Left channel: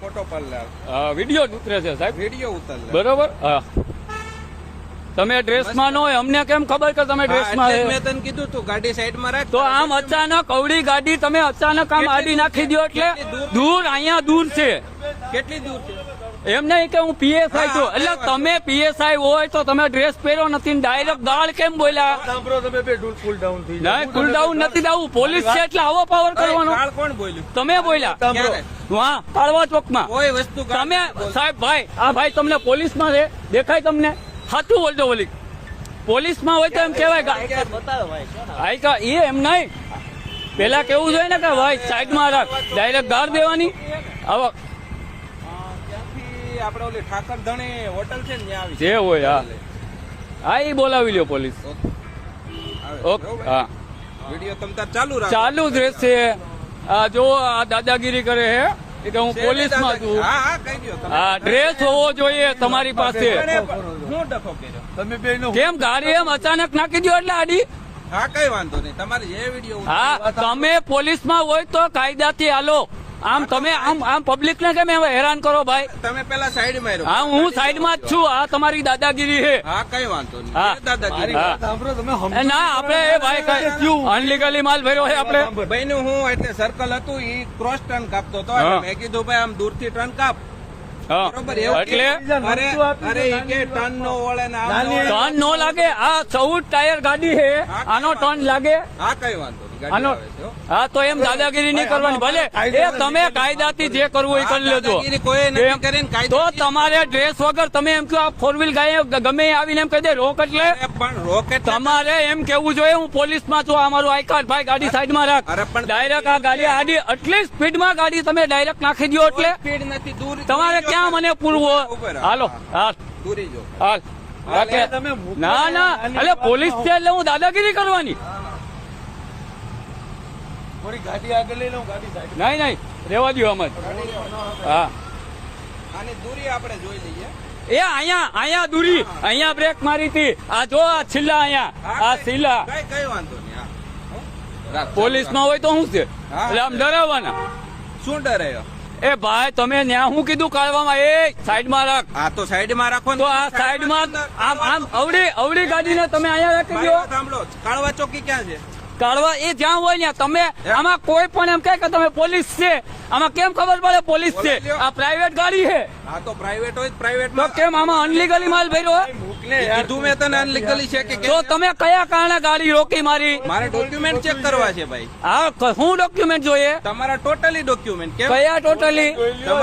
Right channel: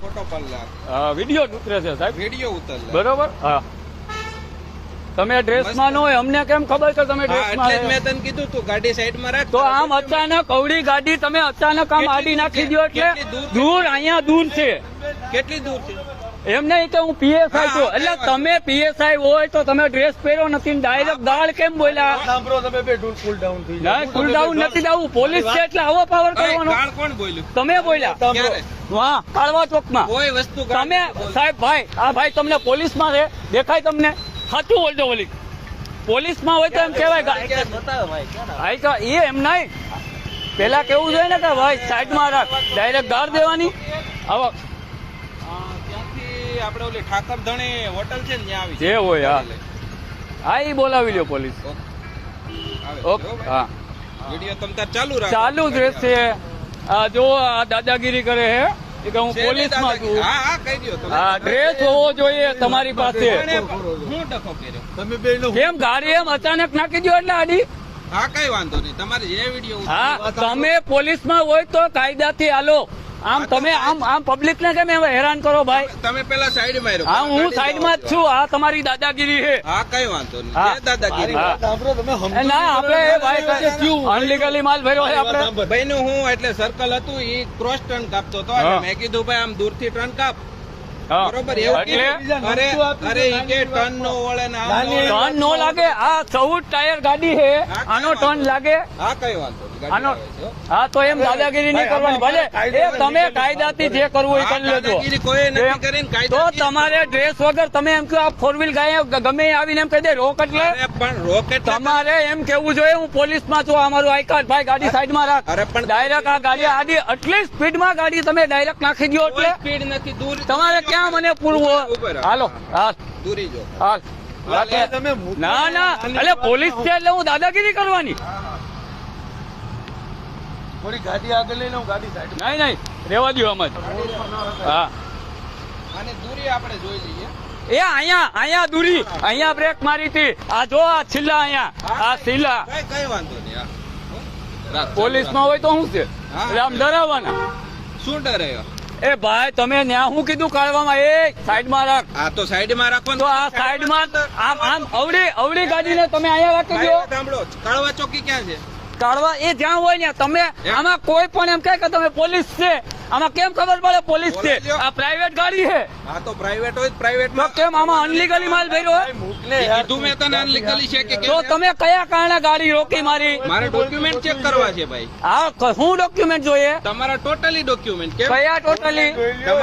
Photo પડલા video ઉતરે છે સાહેબ, વિડીયો ઉતરલા બરોબર. હા, તમે ડ્રેસમાં ન હોય અમને કેમ ખબર કે તમે ડ્રેસમાં એટલે જ મેં તને કીધું તું ગાડી સાઈડમાં રાખ. તો આમ અચાનક અવળી ગાડી તમે અચાનક આમ આડી નાખી દો એટલે કેટલી દૂર અહીંયા દૂર છે કેટલી દૂર છે? એમ નહીં કે હું પીએસઆઈ છું એટલે તમે પીએસઆઈ હોય તો તમે ડ્રેસ પહેરો નથી ડાયરેક્ટ દાળ કેમ બોલ્યા? સાંભળો તમે બે કુલ ડાઉન થઈ ના કુલ ડાઉન નથી દાવું, પોલીસ છે એટલે આવો પાવર કરવાનો. ગાળ કોણ બોલ્યું? તમે બોલ્યા ક્યારે? હા કાળવા ચોકના કોઈ વસ્તુ ગાળ તમે સાહેબ ભાઈ આ ભાઈ તમને પોલીસમાં છે દેખાય તમને? સાચું બોલજો બોલી પોલીસમાં હોય તો એમ કેવાય ભાઈ કા એ એમ નહીં પેલા કેવું જોઈએ ને કે ભાઈ સાઈડમાં રાખ ડાયરેક્ટ ગાળ દેવાની. હવે ત્યાંથી આપણે ઓલી ઠાકર ધણે હોટલ છે ને ત્યાં આવી જે હોય હા એ બોલાવી લ્યો પોલીસ. ઓકે હા વિડીયો તમ તાર ચાલુ રાખ. ચાલુ જ રહેશે. આ જો આ દાદાગીરી કરે હે એ કે હું પોલીસમાં છું. હા હા કહી દો તમે. હા ડ્રેસ હોવો જોઈએ તમારી પાસે. હું ડખો કર્યો? તમે બે નો કેમ ગાડી એમ અચાનક નાખી દો એટલે આડી? હા કઈ વાંધો નહીં, તમારે જે વિડીયો હા તમે પોલીસમાં હોય તો કાયદાથી હાલો. આમ તમે આમ પબ્લિક ને કેમ હેરાન કરો ભાઈ? તમે પેલા સાઈડ માં હા હું સાઈડમાં જ છું. આ તમારી દાદાગીરી છે. હા કઈ વાંધો નહીં. હા. જે દાદાગીરી હા. સાંભળો તમે એ ના આપણે એ ભાઈ કઈ અનલીગલી માલ ભર્યો છે આપણે. ભાઈ નું હું એટલે સર્કલ હતું એ ક્રોસ ટર્ન કાપતો હતો હા. એટલે મેં કીધું ભાઈ આમ દૂર થી ટર્ન કાપ. હા. બરોબર એવું એટલે અરે અરે ઈ કે ટર્ન નો વળે ને આમ નો વળે. ટર્ન નો લાગે. આ 14 ટાયર ગાડી છે આનો ટર્ન લાગે? હા કઈ વાંધો નહીં. ગાડી આનો આવે છે, હો. હા તો એમ દાદાગીરી નહીં કરવાની ભલે એ તમે કાયદાથી જે કરવું એ કરી લેજો. દાદાગીરી કોઈ નથી કેમ? કરીને તો કાયદાથી તમારે ડ્રેસ વગર તમે એમ કહો આ 4 વ્હીલ ગાય ગમે એ આવીને એમ કહી દે રોક એટલે અરે પણ રોકેટ તમારે એમ કેવું જોઈએ હું પોલીસમાં છું અમારું આઈ કાર્ડ ભાઈ ગાડી સાઈડમાં રાખ. અરે પણ ડાયરેક્ટ આ ગાડી આડી આટલી સ્પીડમાં ગાડી તમે ડાયરેક્ટ નાખી દો એટલે સ્પીડ નથી દૂર તમારે ક્યાં મને પૂરવો? ઉભો રહો. હાલો હાલ દૂરી જો હાલ રાખે. તમે ના ના એટલે પોલીસ છે એટલે હું દાદાગીરી કરવાની થોડી ગાડી આગળ લઈ લઉં, ગાડી સાઈડ નહીં નહીં રેવા દો આમ જ. હા અને દૂરી આપણે જોઈ લઈએ. એ અહીંયા દૂરી અહીંયા બ્રેક મારી હતી. આ જો આ છિલ્લા અહીંયા આ છિલ્લા કઈ વાંધો નહીં. હા. પોલીસ નો હોય તો શું છે એટલે આમ ડરાવવાના. શું ડરે? એ ભાઈ તમે ન્યા શું કીધું કાઢવામાં? એ સાઈડમાં રાખ. હા તો સાઈડ માં રાખો ને. તો આ સાઈડમાં આમ અવળી ગાડીને તમે અહીંયા રાખી દો. સાંભળો કાળવા ચોકી ક્યાં છે? કાઢવા એ જ્યાં હોય ને તમે આમાં કોઈ પણ એમ કહે કે તમે પોલીસ છે આમાં કેમ ખબર પડે પોલીસ છે? આ પ્રાઇવેટ ગાડી છે હા તો પ્રાઇવેટ હોય પ્રાઇવેટ તો કેમ આમાં અનલીગલી માલ ભર્યો? મોકલે કીધું મેં તને અનલીગલી છે કે તો તમે કયા કારણે ગાડી રોકી મારી? મારે ડોક્યુમેન્ટ ચેક કરવા છે ભાઈ. હા હું ડોક્યુમેન્ટ જોઈએ? તમારા ટોટલી ડોક્યુમેન્ટ કયા ટોટલી? તમારા